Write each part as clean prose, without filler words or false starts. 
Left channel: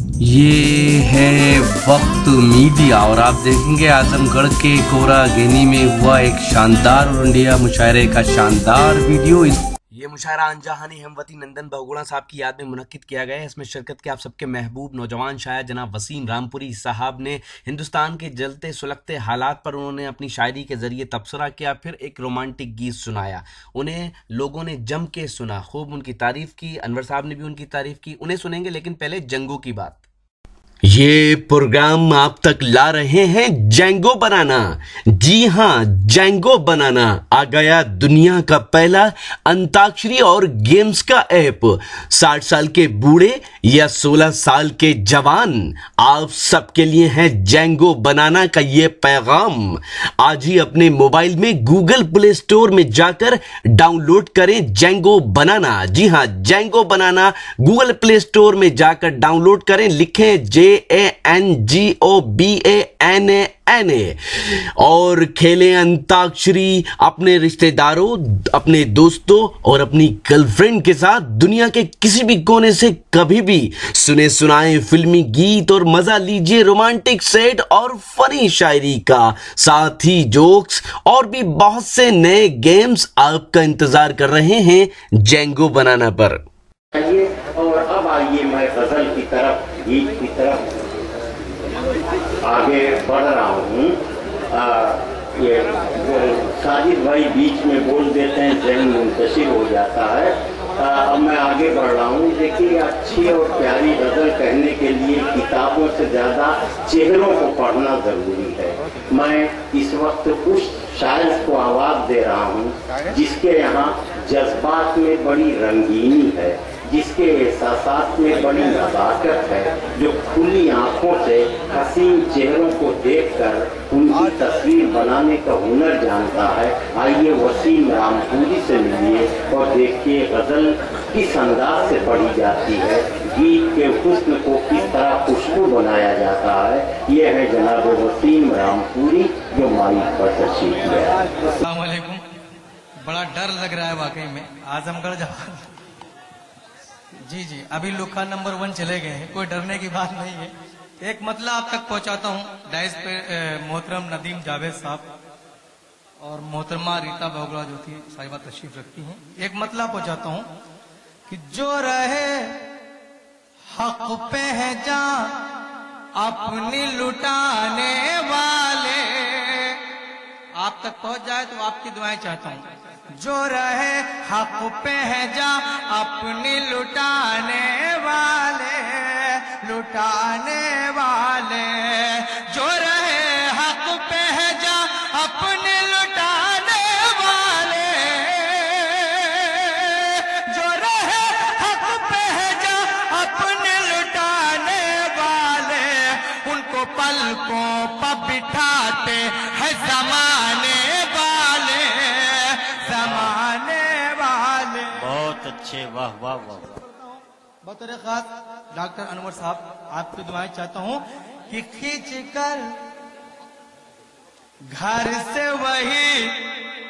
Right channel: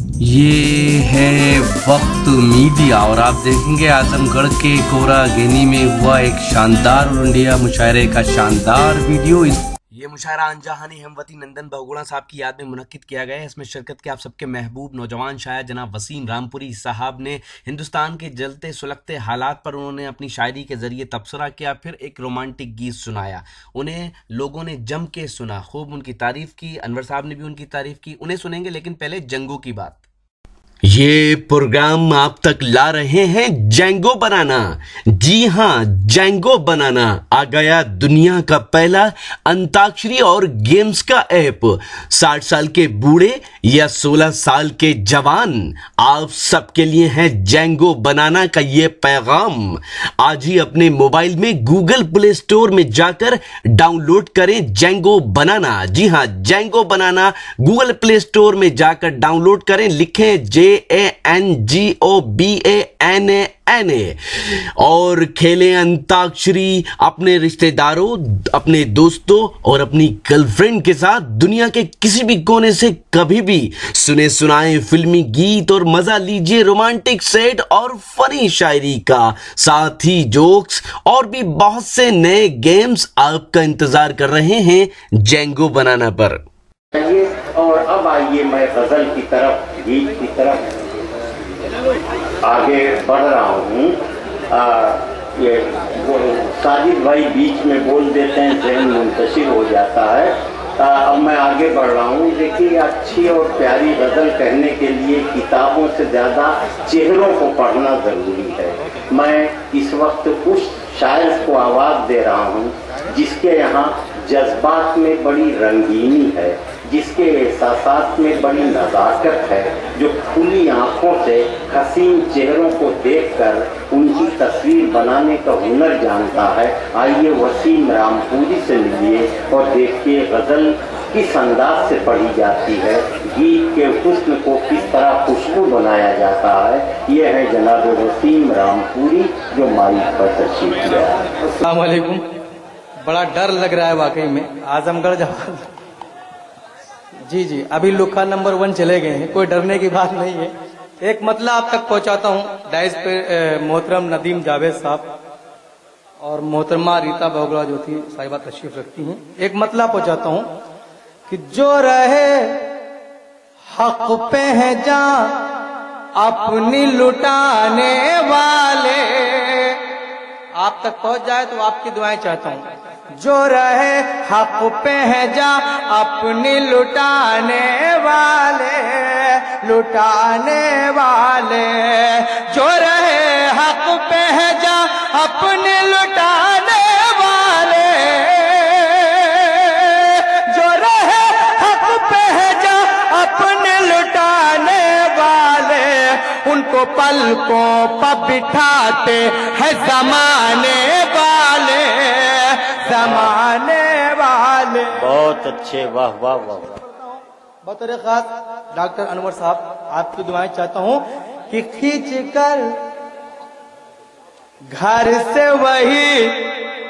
ये है वक्त मीडिया और आप देखेंगे आजमगढ़ के कोरागेनी में हुआ एक शानदार और इंडिया मुशायरे का शानदार वीडियो। ये मुशायरा अनजाहानी हमवती नंदन बहुगुणा साहब की याद में मुनक्किद किया गया है। इसमें शिरकत के आप सबके महबूब नौजवान शायर जनाब वसीम रामपुरी साहब ने हिंदुस्तान के जलते सुलगते हालात पर उन्होंने अपनी शायरी के ज़रिए तबसरा किया, फिर एक रोमांटिक गीत सुनाया। उन्हें लोगों ने जम के सुना, खूब उनकी तारीफ़ की, अनवर साहब ने भी उनकी तारीफ़ की। उन्हें सुनेंगे, लेकिन पहले जंगों की बात। ये प्रोग्राम आप तक ला रहे हैं जैंगो बनाना। जी हाँ, जैंगो बनाना आ गया दुनिया का पहला अंताक्षरी और गेम्स का ऐप। 60 साल के बूढ़े या 16 साल के जवान, आप सबके लिए है जैंगो बनाना का ये पैगाम। आज ही अपने मोबाइल में गूगल प्ले स्टोर में जाकर डाउनलोड करें जैंगो बनाना। जी हाँ, जैंगो बनाना गूगल प्ले स्टोर में जाकर डाउनलोड करें, लिखें JANGOBANANA और खेलें अंताक्षरी अपने रिश्तेदारों, अपने दोस्तों और अपनी गर्लफ्रेंड के साथ। दुनिया के किसी भी कोने से कभी भी सुने सुनाए फिल्मी गीत और मजा लीजिए रोमांटिक सेट और फनी शायरी का, साथ ही जोक्स और भी बहुत से नए गेम्स आपका इंतजार कर रहे हैं जैंगो बनाना पर। और अब आइए मैं गजल की तरफ, गीत की तरफ आगे बढ़ रहा हूँ। ये साजिद भाई बीच में बोल देते हैं, ज़हन मुंतशिर हो जाता है। अब मैं आगे बढ़ रहा हूँ। देखिए, अच्छी और प्यारी गजल कहने के लिए किताबों से ज़्यादा चेहरों को पढ़ना ज़रूरी है। मैं इस वक्त उस शायर को आवाज़ दे रहा हूँ जिसके यहाँ जज्बात में बड़ी रंगीनी है, जिसके एहसासात में बड़ी नज़ाकत है, जो खुली आंखों से हसीन चेहरों को देखकर उनकी तस्वीर बनाने का हुनर जानता है। आइए वसीम रामपुरी से मिलिए और देखिए गज़ल किस अंदाज से पढ़ी जाती है, गीत के हुस्न को किस तरह खुशबू बनाया जाता है। ये है जनाब वसीम रामपुरी जो माइक पर तशरीफ लिया है। अस्सलाम वालेकुम। बड़ा डर लग रहा है वाकई में। आजमगढ़ जी, अभी लुक्का नंबर 1 चले गए हैं, कोई डरने की बात नहीं है। एक मतला आप तक पहुंचाता हूं। डाइस पे मोहतरम नदीम जावेद साहब और मोहतरमा रीता बहुगुणा जो थी साहिबा तशरीफ रखती हैं। एक मतला पहुंचाता हूं कि जो रहे हक पे है जान अपनी लुटाने वाले, आप तक पहुंच जाए तो आपकी दुआएं चाहता हूं। जो रहे हक पे है जा अपनी लुटाने वाले, लुटाने वाले, जो रहे हक पे है जा अपने लुटाने वाले, जो रहे हक पे है जा अपने लुटाने वाले, उनको पलकों पर बिठाते हैं ज़माने वाले, ज़माने वाले। बहुत अच्छे, वाह वाह वाह वाह। बतौर खास डॉक्टर अनवर साहब आपकी दुआएं चाहता हूं कि खींच कर घर से वही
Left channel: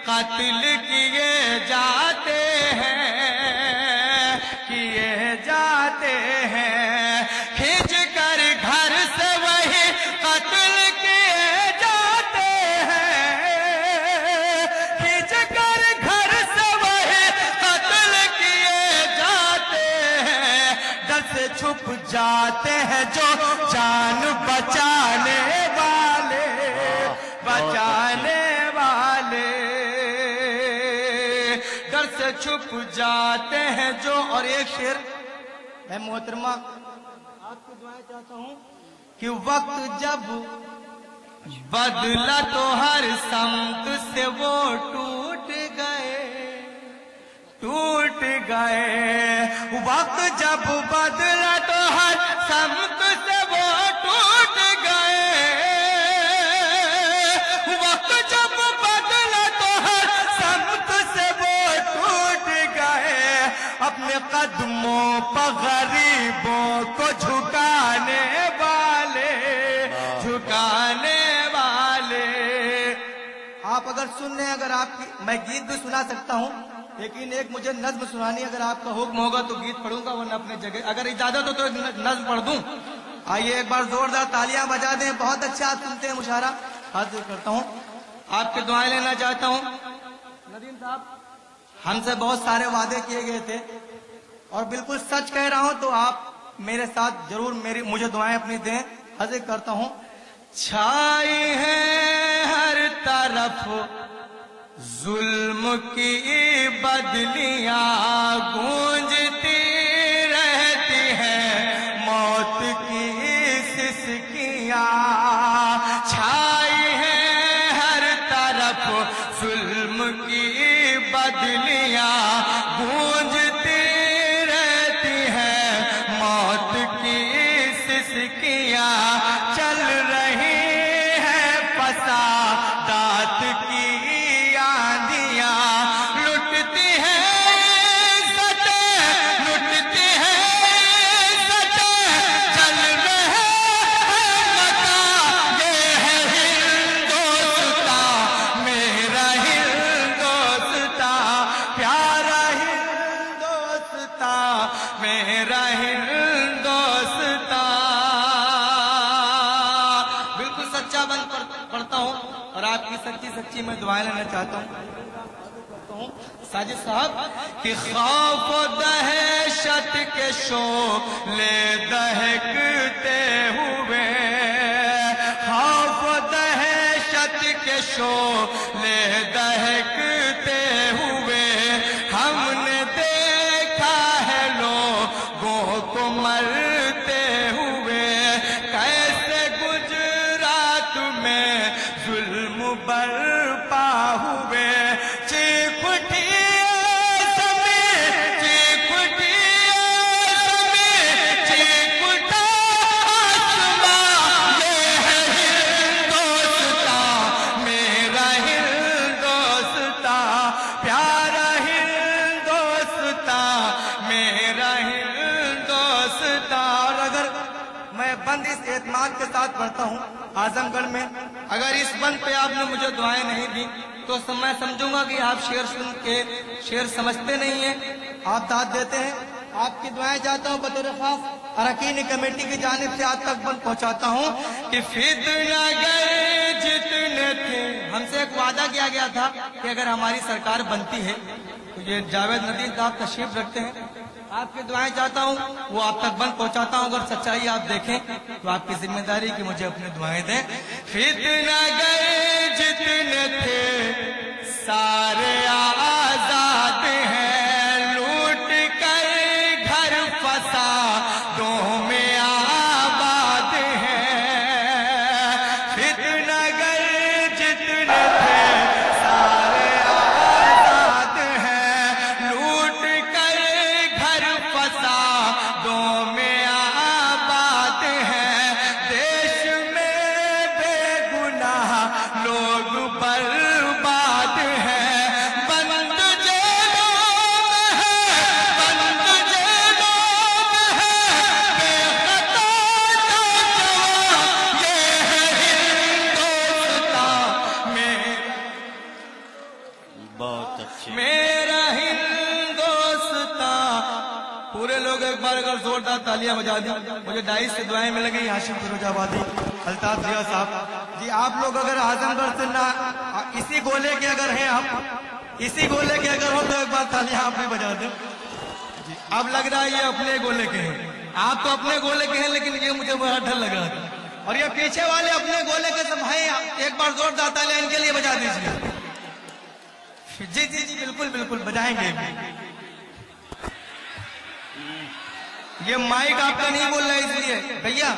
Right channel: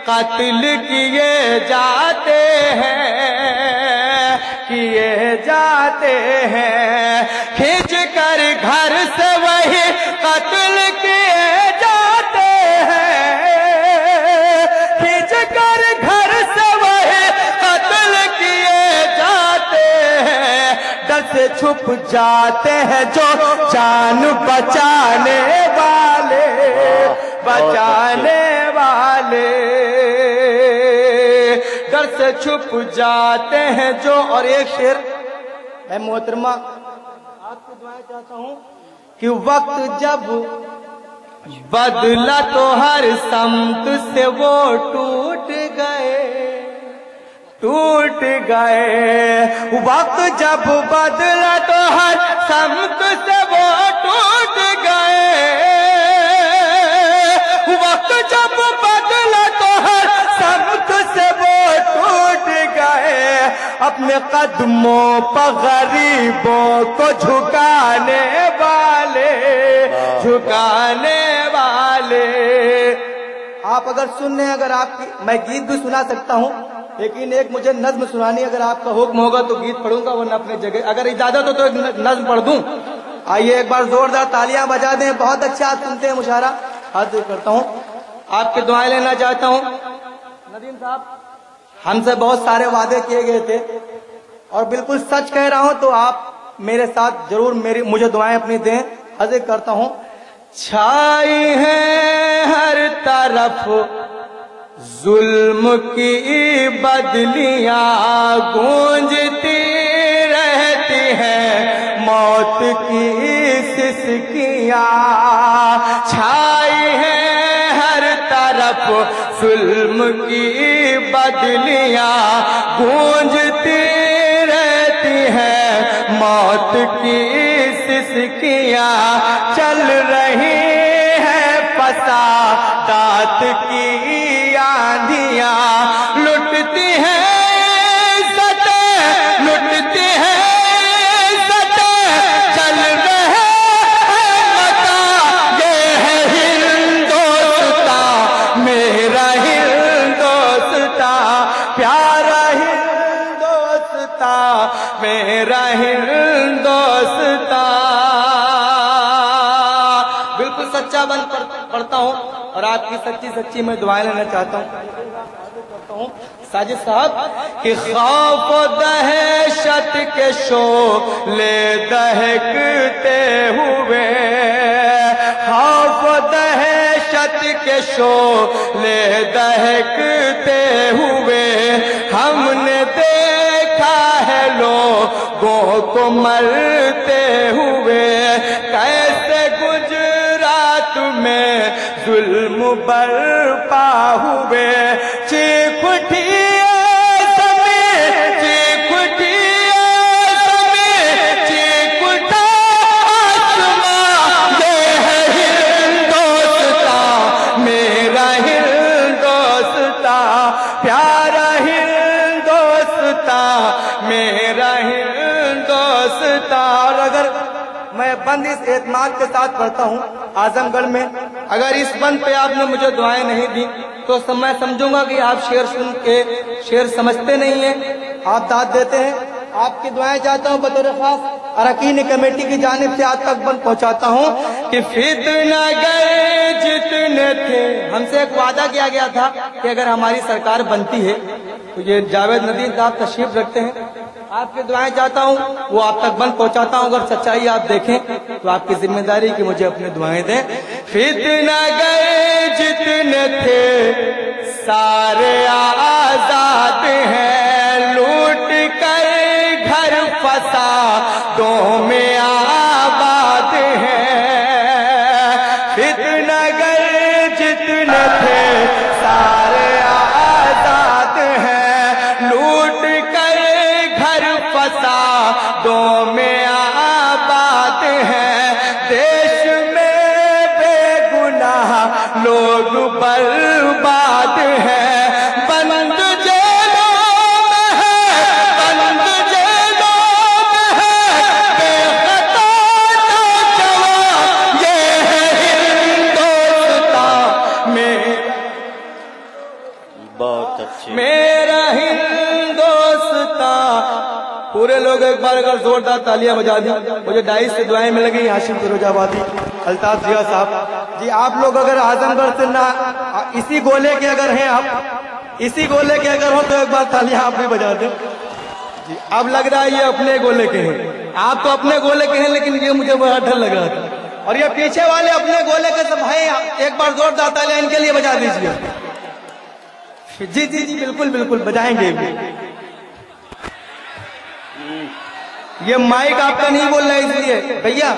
कत्ल किए जाते हैं, किए जाते हैं, खींच कर घर से वही कत्ल किए जाते हैं, खींच कर घर से वही कत्ल किए जाते हैं, डर से छुप जाते हैं जो जान बचाने वाले, बचाने वाले, डर से छुप जाते हैं जो। और एक शेर मैं मोहतरमा आपको दुआएं चाहता हूं कि वक्त जब बदला तो हर समत से वो टूट गए, टूट गए, वक्त जब बदला तो हर समत से वो टूट गए, वक्त जब बदला तो हर समत से वो टूट गए, अपने कदमों पर गरीबों को झुकाने वाले, झुकाने वाले। आप अगर सुन रहे हैं, अगर आपकी, मैं गीत भी सुना सकता हूं, लेकिन एक मुझे नज्म सुनानी, अगर आपका हुक्म होगा तो गीत पढ़ूंगा, वरना अपने जगह, अगर इजाजत हो तो एक नज्म पढ़ दूं। آئیے ایک بار زوردار تالیاں بجا دیں. بہت اچھا آپ سنتے ہیں مشاعرہ. ہاتھ جوڑ کرتا ہوں, آپ کی دعائیں لینا چاہتا ہوں. ندیم صاحب, ہم سے بہت سارے وعدے کیے گئے تھے اور بالکل سچ کہہ رہا ہوں, تو آپ میرے ساتھ ضرور مجھے دعائیں اپنی دیں. عرض کرتا ہوں. چھائی ہے ہر طرف ظلم کی بدلیاں, گونجتی رہتی ہیں موت کی سسکیاں. چھائی ہے ہر طرف ظلم کی بدلیاں, گونجتی رہتی ہیں موت کی سسکیاں. چل رہی ہے فسادات کی آندھیاں, لٹتی ہیں عزتیں, لٹتی ہیں عزتیں. چل رہے ہیں متا, یہ ہے ہندوستان میرا ہندوستان, پیارا ہندوستان میرا ہندوستان. بالکل سچا بند پڑھتا ہوں اور آپ کی سچی میں دعائیں لینا چاہتا ہوں. ساجد صاحب, کہ خوف و دہشت کے شعلے دہکتے ہوئے, خوف و دہشت کے شعلے دہکتے ہوئے, ہم نے دیکھا ہے لوگوں کو مرتے ہوئے. کیسے گجرات میں ظلم برپا ہوئے, چیخ اٹھی زمین, چیخ اٹھی زمین, چیخ اٹھا آسمان. یہ ہے ہندوستان میرا ہندوستان, پیارا ہندوستان میرا ہندوستان. اگر میں بند اس اعتماد کے ساتھ پڑھتا ہوں اعظم گڑھ میں, اگر اس بند پہ آپ نے مجھے دعائیں نہیں دی تو میں سمجھوں گا کہ آپ شعر سن کے شعر سمجھتے نہیں ہیں, آپ داد دیتے ہیں. آپ کی دعائیں چاہتا ہوں بطور خاص اراکین کمیٹی کی جانب سے آپ تک بند پہنچاتا ہوں کہ فتنہ گئے جتنے تھے. ہم سے ایک وعدہ کیا گیا تھا کہ اگر ہماری سرکار بنتی ہے تو یہ جاوید ندیم صاحب تشریف رکھتے ہیں. آپ کی دعائیں چاہتا ہوں, وہ آپ تک بند پہنچاتا ہوں. اگر سچائی آپ دیکھیں تو آپ کی ذمہ داری کہ مجھے اپنی دعائیں دیں. فتنہ گئے جتنے تھے سارے آزاد ہیں, لوٹ کر گھر فسادوں میں آباد ہیں. فتنہ گئے جتنے تھے سارے آزاد ہیں, لوٹ کر گھر فسادوں میں آباد ہیں. دیش میں بے گناہ لوگ برباد ہیں, بند جیلوں میں ہے, بند جیلوں میں ہے بے خطا نوجوان. یہ ہے ہندوستان بہت اچھے. میرا ہندوستان. پورے لوگ ایک بار اگر زوردار تالیاں بجا دی. مجھے ڈائس سے دعائیں مل گئی. ہاشم فیروز آبادی, الطاف ضیاء صاحب جی, آپ لوگ اگر اعظم گڑھ سے نہ اسی گولے کے اگر ہیں, آپ اسی گولے کے اگر ہو تو ایک بار تالیاں آپ بھی بجا دیں جی. اب لگ رہا ہے یہ اپنے گولے کے ہیں, آپ تو اپنے گولے کے ہیں, لیکن یہ مجھے بڑا ڈر لگ رہا تھا. اور یہ پیچھے والے اپنے گولے کے سب ہیں, ایک بار زوردار تالیاں ان کے لیے بجا دیجیے. جی جی جی بالکل بالکل بجائیں گے. یہ مائک آپ کا نہیں بول رہا ہے, اس لیے بھیا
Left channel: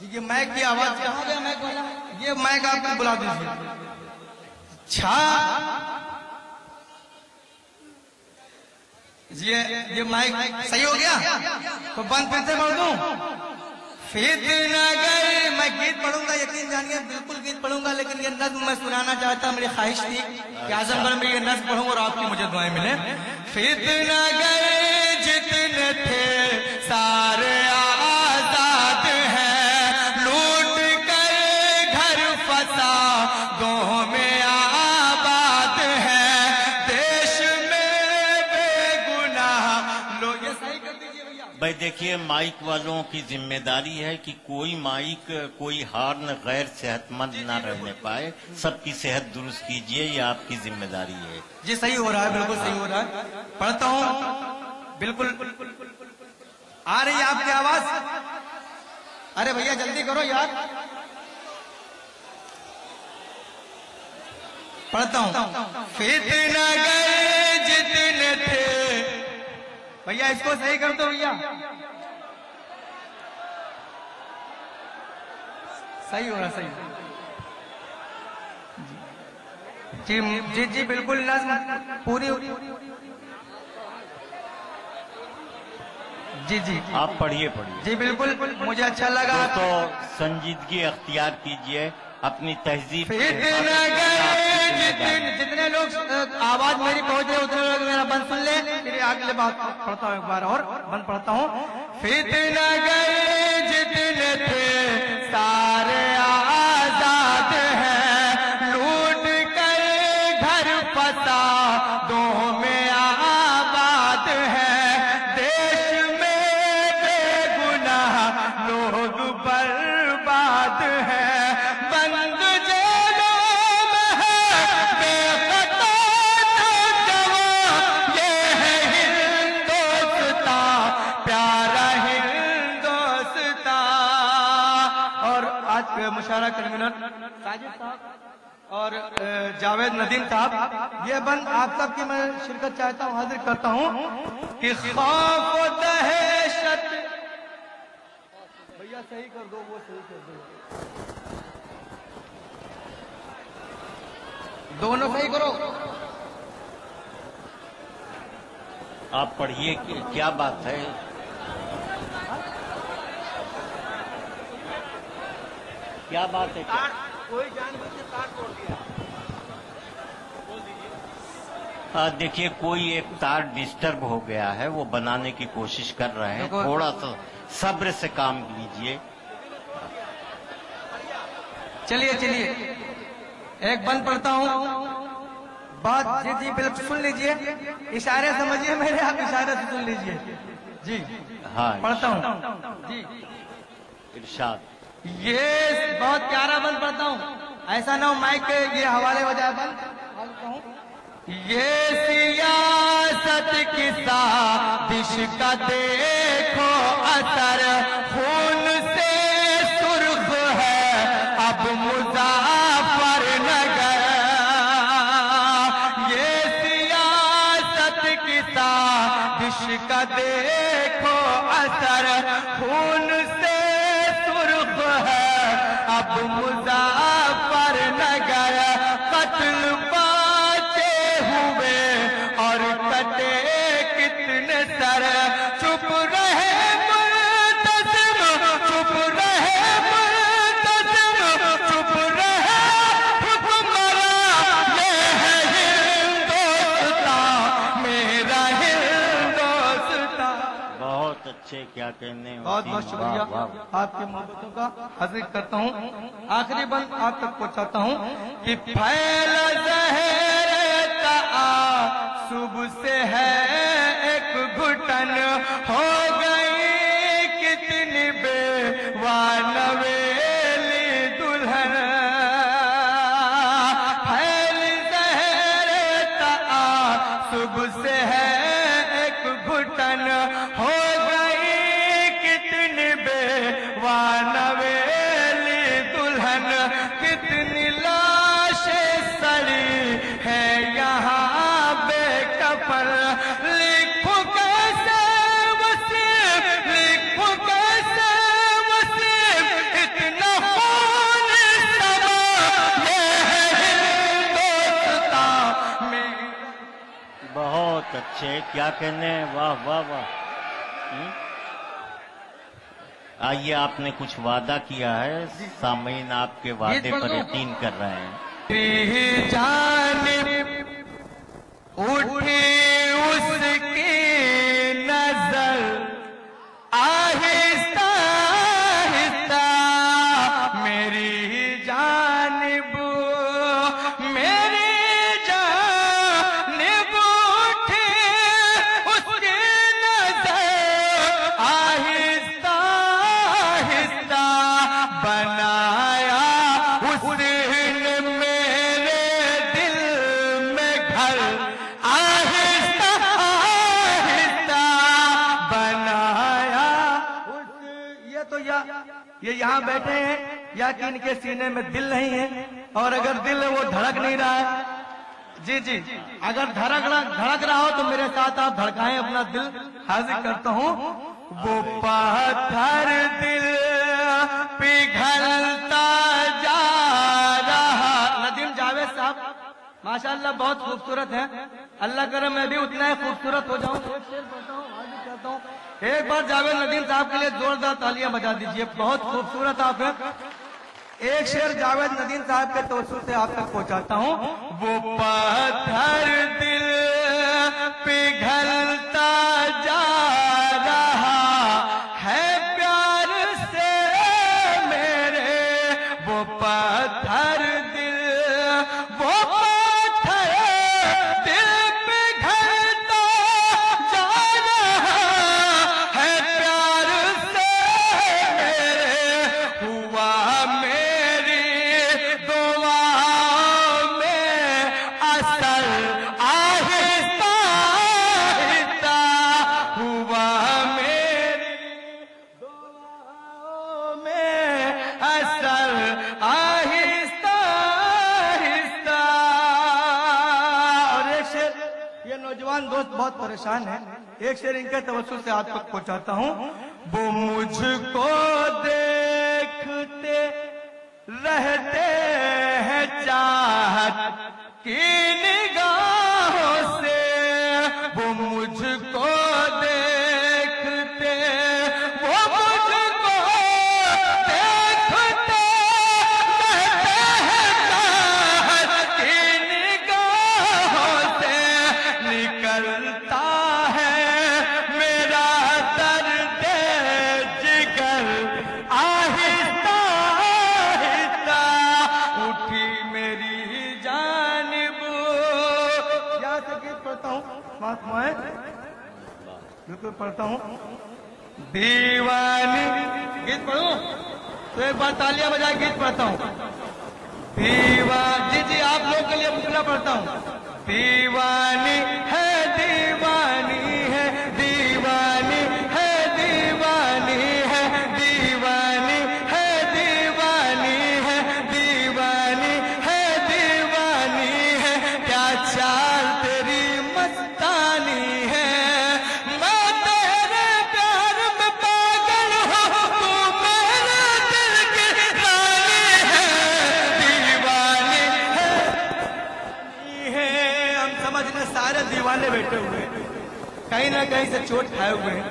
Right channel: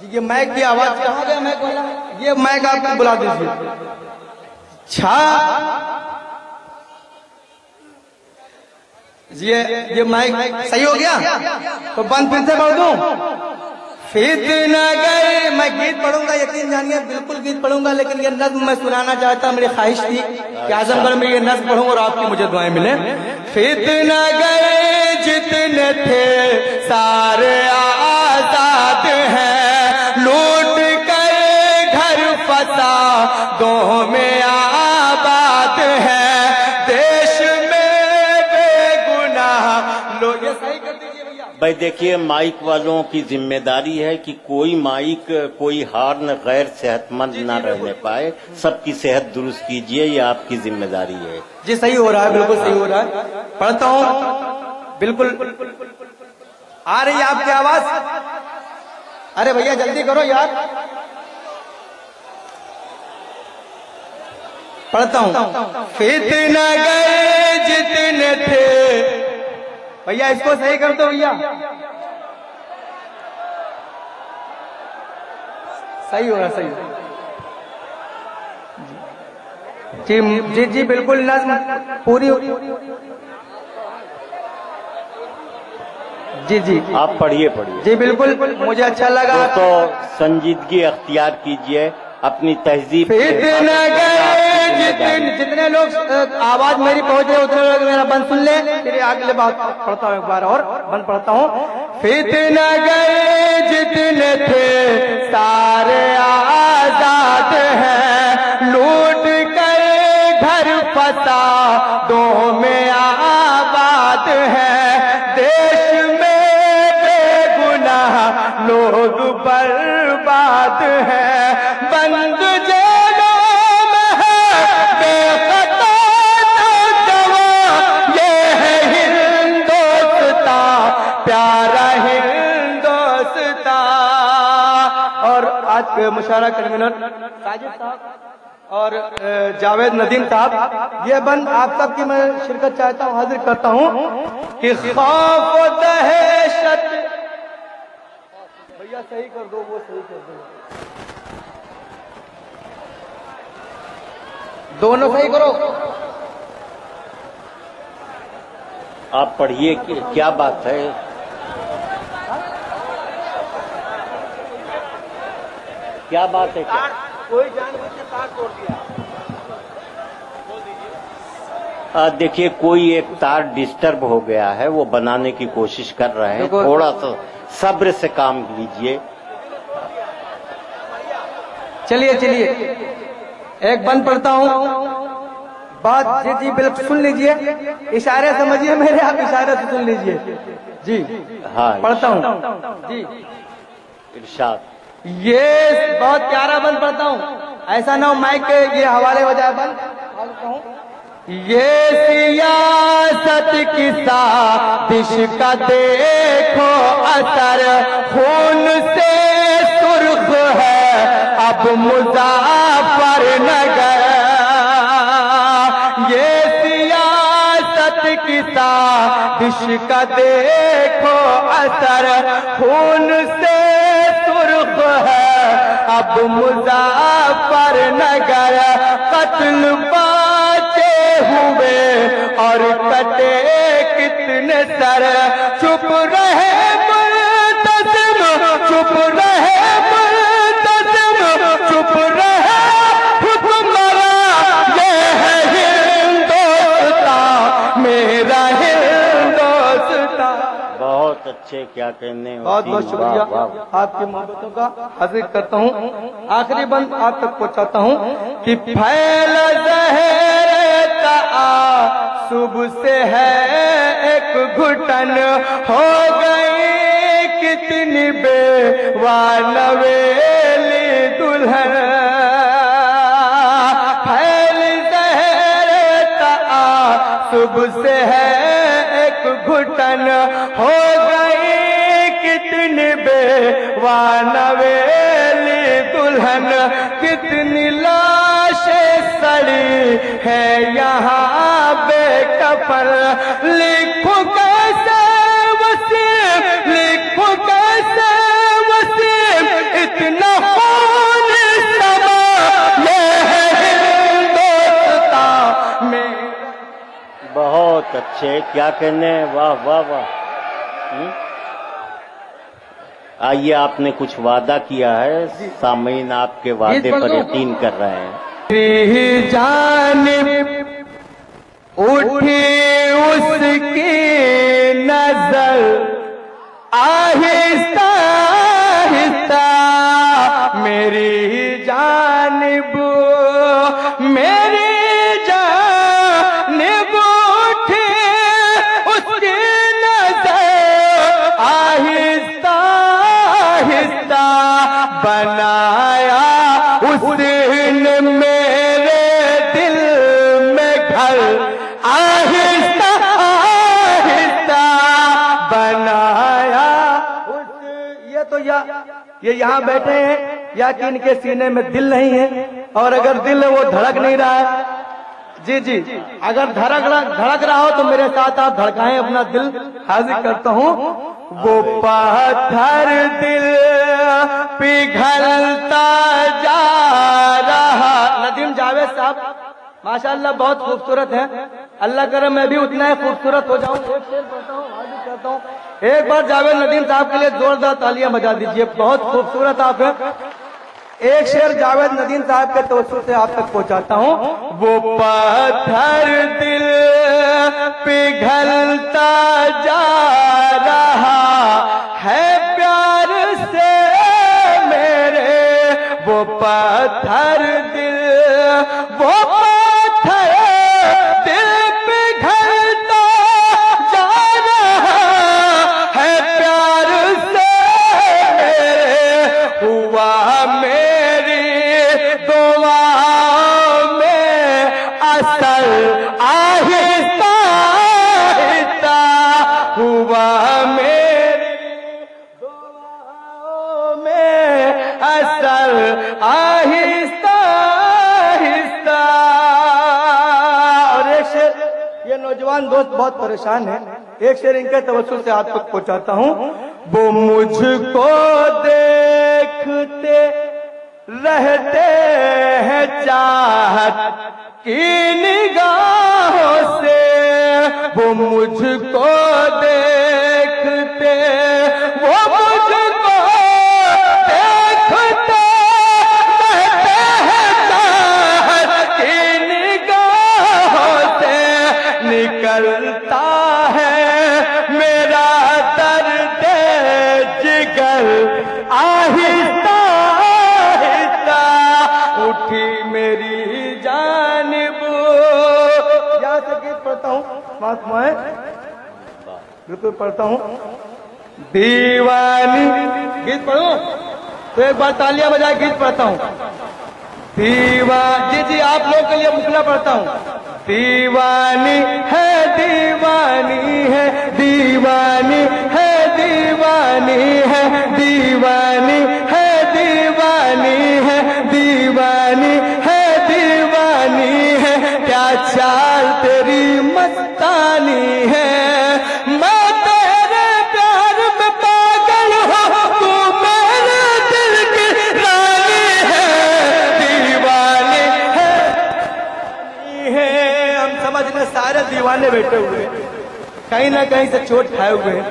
جی یہ مائک کی آواز کہاں گیا مائک والا, یہ مائک آپ کو بلا دیجیے. یہ مائک صحیح ہو گیا تو بند پھر سے پڑھ دوں. فتنہ گئے, میں گیت پڑھوں گا, یقین جانیے بالکل گیت پڑھوں گا, لیکن یہ نظم میں سنانا چاہتا. میری خواہش تھی کہ اعظم گڑھ میں یہ نظم پڑھوں اور آپ کی مجھے دعائیں ملیں. فتنہ گئے جتنے تھے سارے آزاد ہیں, لوٹ کر گھر فسادوں میں آباد ہیں. دیش میں بے گناہ لوگ, یہ صحیح کر دیجیے بھیا. भाई देखिए, माइक वालों की जिम्मेदारी है कि कोई माइक, कोई हॉर्न गैर सेहतमंद ना रहने पाए। सबकी सेहत दुरुस्त कीजिए, ये आपकी जिम्मेदारी है। जी सही हो रहा है, बिल्कुल सही हो रहा है। पढ़ता हूँ, बिल्कुल आ रही है आपकी आवाज। अरे भैया जल्दी करो यार। पढ़ता हूँ। फितना गए जितने थे, भैया इसको सही कर दो भैया। सही हो रहा, सही हो रहा। जी जी जी बिल्कुल नज़्म पूरी। जी जी आप पढ़िए पढ़िए। जी बिल्कुल, मुझे अच्छा लगा। तो संजीदगी अख्तियार कीजिए अपनी तहजीब। फितना गए जितने लोग आवाज मेरी पहुंच रहे उतने लोग मेरा बंद सुन ले। फिर अगले बात पढ़ता हूँ, एक बार और बंद पढ़ता हूँ। फितना गए जितने थे सारे आजाद हैं, लूट कर घर फसादों में आबाद है। देश में बेगुनाह लोग बर्बाद हैं, बंद जेलों में है बेखता नौजवान। ये है हिंदुस्तान, प्यारा हिंदुस्तान। और आज के मुशायरा कन्वीनर साजिद साहब और जावेद नदीम साहब, ये बंद आप सबकी मैं शिरकत चाहता हूँ, हाजिर करता हूँ कि खौफ दहशत। भैया सही कर दो, वो सही कर दो, दोनों सही करो। आप पढ़िए, क्या बात है? क्या बात है? क्या कोई जानबूझ के तार तोड़ दिया, बोल दीजिए। देखिए, कोई एक तार डिस्टर्ब हो गया है, वो बनाने की कोशिश कर रहे हैं। थोड़ा सा सब्र से काम लीजिए। चलिए चलिए, एक बंद पढ़ता हूँ। बात जी जी बिल्कुल सुन लीजिए, इशारे समझिए मेरे, आप इशारे से सुन लीजिए। जी हाँ, पढ़ता हूँ जी। इरशाद। ये बहुत प्यारा बंद पढ़ता हूँ, ऐसा ना हो माइक के ये हवाले हो जाए। बंद पढ़ता हूँ। ये सियासत की साजिश का देखो असर, खून से सुर्ख है अब मुजफ्फरनगर। ये सियासत की साजिश का देखो असर, खून से सुर्ख है अब मुजफ्फरनगर। कत्ल बाचे हुए और कटे कितने सर, चुप रहे मुल्तज़िम, चुप रहे मुल्तज़िम, चुप रहे हुक्मरान। ये है हिंदुस्तान, मेरा हिंदुस्तान। बहुत अच्छे, क्या कहने। बहुत बहुत शुक्रिया आपकी मोहब्बतों का, हाजिर करता हूँ। आखिरी बंद आप तक पहुँचाता हूँ कि फैल ज़हर सुबह से है एक घुटन, हो गई कितनी बेवानवेली दुल्हन। फैल ज़हर सुबह से है एक घुटन, हो गई कितनी बेवानवेली दुल्हन। कितनी लाशें सड़ी है यहाँ बेकफन, लिखो कैसे वसीम, लिखो कैसे वसीम, इतना खून समा। ये है हिंदुस्तान में। बहुत अच्छे, क्या कहने। वाह वाह वाह। आइए, आपने कुछ वादा किया है, सामीन आपके वादे पर यकीन कर रहे हैं। जानिब उठी उसकी नजर, आहिस्ता आहिस्ता मेरी जानिब, मेरी जानिब उठी उसकी नजर, بنایا اس نے میرے دل میں گھر آہستہ آہستہ بنایا یہ تو یہ یہاں بیٹھے ہیں یا کہ ان کے سینے میں دل نہیں ہے، اور اگر دل ہے وہ دھڑک نہیں رہا ہے. جی اگر دھڑک رہا ہو تو میرے ساتھ آپ دھڑکائیں، اپنا دل حاضر کرتا ہوں. وہ پتھر دل پگھلتا جا رہا. ندیم جاوید صاحب ماشاءاللہ بہت خوبصورت ہیں، اللہ کرے میں بھی اتنا ہی خوبصورت ہو جاؤں. ایک شعر پڑھتا ہوں، حاضر کرتا ہوں. ایک بار جاوید ندیم صاحب کے لیے زوردار تالیاں بجا دیجئے، بہت خوبصورت آپ ہیں. ایک شعر جاوید ندیم صاحب کے توسط سے آپ تک پہنچاتا ہوں. وہ پتھر دل پگھلتا جا رہا ہے پیار سے میرے، وہ پتھر دل پگھلتا جا رہا ہے پیار سے میرے. ہوا میری دعاؤں میں اثر آہستہ آہستہ، ہوا میری دعاؤں میں اثر آہستہ آہستہ. اور ایک شعر، یہ نوجوان دوست بہت پریشان ہیں، ایک شعر ان کے توسط سے آپ تک پہنچاتا ہوں. وہ مجھ کو دیکھتے رہتے ہیں چاہت کی نگاہوں سے، وہ مجھ کو دیکھتے، وہ مجھ کو دیکھتے رہتے ہیں چاہت کی نگاہوں سے. نکلتا ہے میرا درد جگر آہستہ آہستہ، اٹھی میری جانب. یہاں سے گیت پڑھتا ہوں، مہاتمائیں بالکل پڑھتا ہوں. دیوانی گیت پڑھوں تو ایک بار تالیاں بجائے گیت پڑھتا ہوں. جی آپ لوگ کے لیے مکلا پڑھتا ہوں. دیوانی ہے دیوانی ہے دیوانی ہے دیوانی ہے دیوانی ہے دیوانی ہے دیوانی ہے دیوانی ہے، کیا چال تیری مستانی ہے. میں تیرے پیار میں پاگل ہوں، تو میرے دل کی رانی ہے. دیوانی ہے ہم سمجھنے سارے دیوانے بیٹھے ہوئے ہیں، کہیں نہ کہیں سے چوٹ کھائے ہوئے ہیں.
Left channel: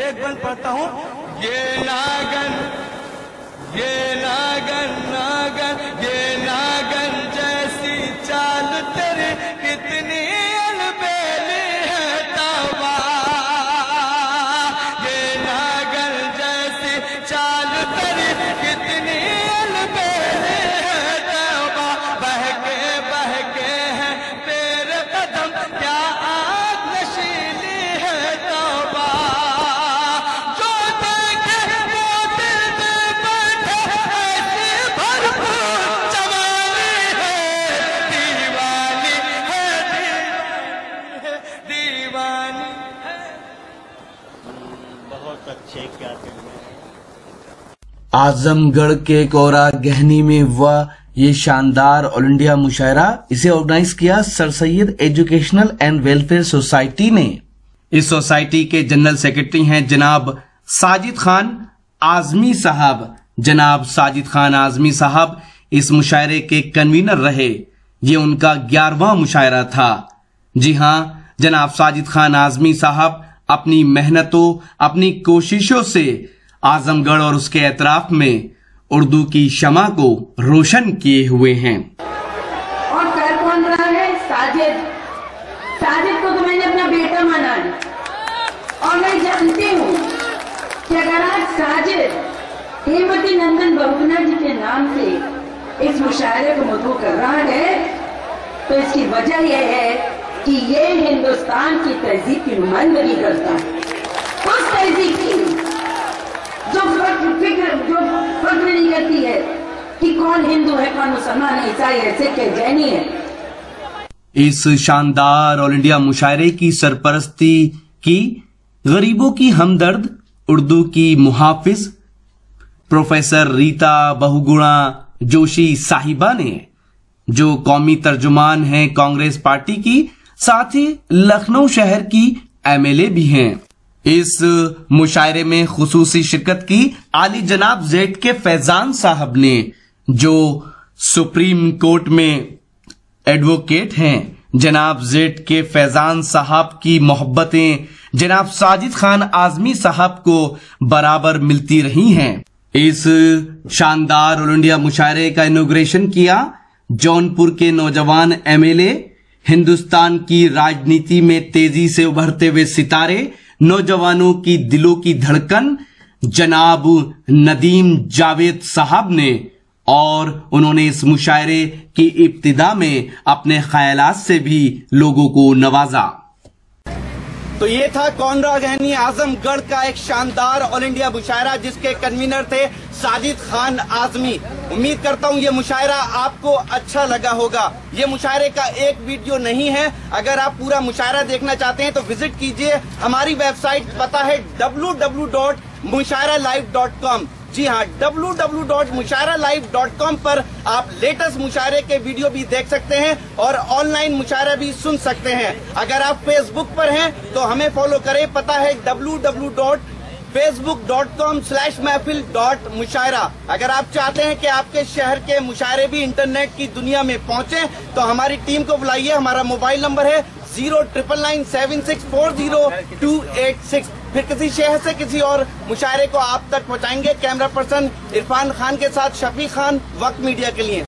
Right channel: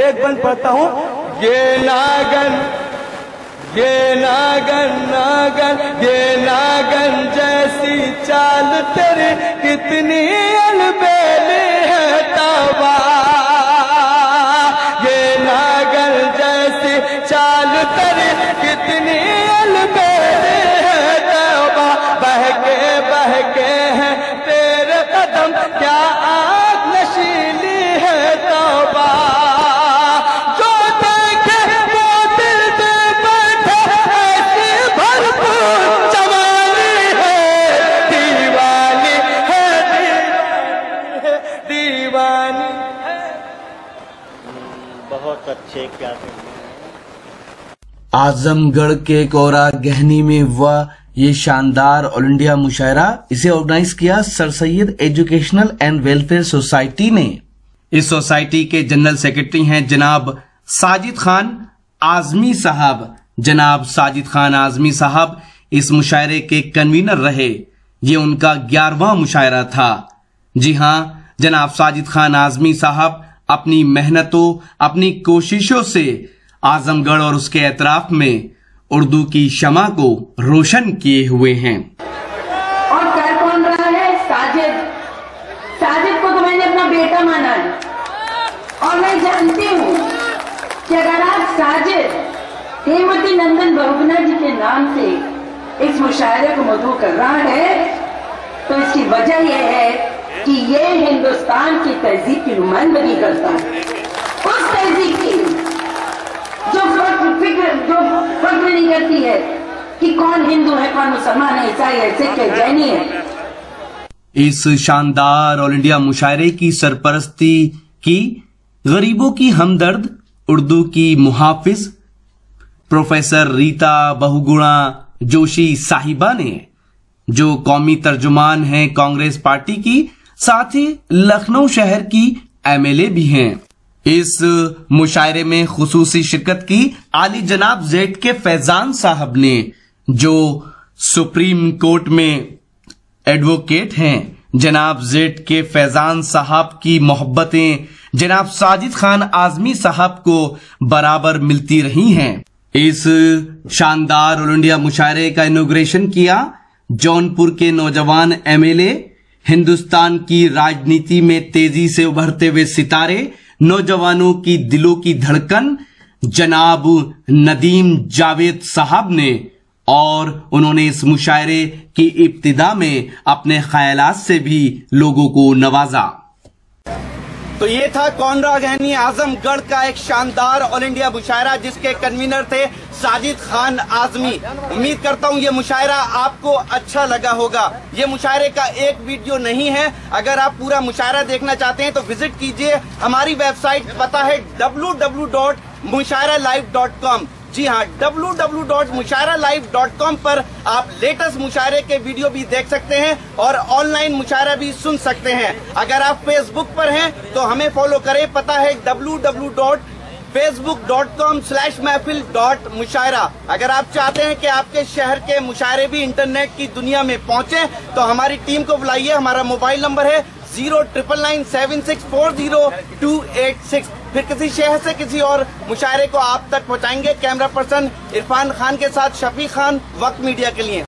ایک بند پڑھتا ہوں. یہ ناگن جیسی چال تیری کتنی البیلی ہے توبہ. یہ ناگن جیسی چال تیری کتنی البیلی ہے توبہ. بہکے ہیں تیرے قدم، کیا آگ نشیلی ہے توبہ. جو دیکھے وہ دل دے بیٹھے، ایسی بھرپور جوانی ہے. دیوانی ہے دیوانی ہے. بہت اچھے، کیا کہنے ہیں. اعظم گڑھ کے کورا گہنی میں ہوا یہ شاندار آل انڈیا مشاعرہ، اسے آرگنائز کیا سر سید ایجوکیشنل اینڈ ویلفیئر سوسائٹی نے. اس سوسائٹی کے جنرل سیکرٹری ہیں جناب ساجد خان اعظمی صاحب. جناب ساجد خان اعظمی صاحب اس مشاعرے کے کنوینر رہے. یہ ان کا 11واں مشاعرہ تھا. جی ہاں، جناب ساجد خان اعظمی صاحب اپنی محنتوں، اپنی کوششوں سے اعظم گڑھ اور اس کے اطراف میں اردو کی شمع کو روشن کیے ہوئے ہیں. اور کر کون رہا ہے؟ ساجد. ساجد کو تو میں نے اپنا بیٹا مانا ہے، اور میں جانتی ہوں کہ اگر آج ساجد ہیموتی نندن بہگنا جی کے نام سے اس مشاعرے کو مدعو کر رہا ہے تو اس کی وجہ یہ ہے کہ یہ ہندوستان کی تہذیب کی نمائندگی کرتا ہے. اس تہذیب کی جو فکر نہیں अहमियत ही है कि कौन हिंदू है, कौन मुसलमान है, ईसाई है, सिख है, जैनी है। इस शानदार ऑल इंडिया मुशायरे की सरपरस्ती की गरीबों की हमदर्द उर्दू की मुहाफिज प्रोफेसर रीता बहुगुणा जोशी साहिबा ने, जो कौमी तर्जुमान हैं कांग्रेस पार्टी की, साथ ही लखनऊ शहर की एमएलए भी हैं। इस मुशायरे में खुसूसी शिरकत की आली जनाब जेड के फैजान साहब ने, जो सुप्रीम कोर्ट में एडवोकेट हैं। जनाब जेड के फैजान साहब की मोहब्बतें जनाब साजिद खान आजमी साहब को बराबर मिलती रही हैं। इस शानदार ऑल इंडिया मुशायरे का इनॉग्रेशन किया जौनपुर के नौजवान एमएलए, हिंदुस्तान की राजनीति में तेजी से उभरते हुए सितारे, नौजवानों की दिलों की धड़कन जनाब नदीम जावेद साहब ने, और उन्होंने इस मुशायरे की इब्तिदा में अपने ख्यालात से भी लोगों को नवाजा। तो ये था कोनरा गहनी आजमगढ़ का एक शानदार ऑल इंडिया मुशायरा, जिसके कन्वीनर थे साजिद खान आजमी। उम्मीद करता हूँ ये मुशायरा आपको अच्छा लगा होगा। ये मुशायरे का एक वीडियो नहीं है, अगर आप पूरा मुशायरा देखना चाहते हैं तो विजिट कीजिए हमारी वेबसाइट, पता है www.mushairalive.com। जी हाँ, www.mushairalive.com पर आप लेटेस्ट मुशायरे के वीडियो भी देख सकते हैं और ऑनलाइन मुशायरा भी सुन सकते हैं। अगर आप फेसबुक पर हैं तो हमें फॉलो करें, पता है www.facebook.com/महफिल.मुशायरा। अगर आप चाहते हैं कि आपके शहर के मुशायरे भी इंटरनेट की दुनिया में पहुंचे तो हमारी टीम को बुलाइए। हमारा मोबाइल नंबर है 09997640286। फिर किसी शहर से किसी और मुशायरे को आप तक पहुंचाएंगे। कैमरा पर्सन इरफान खान के साथ शफी खान, वक्त मीडिया के लिए।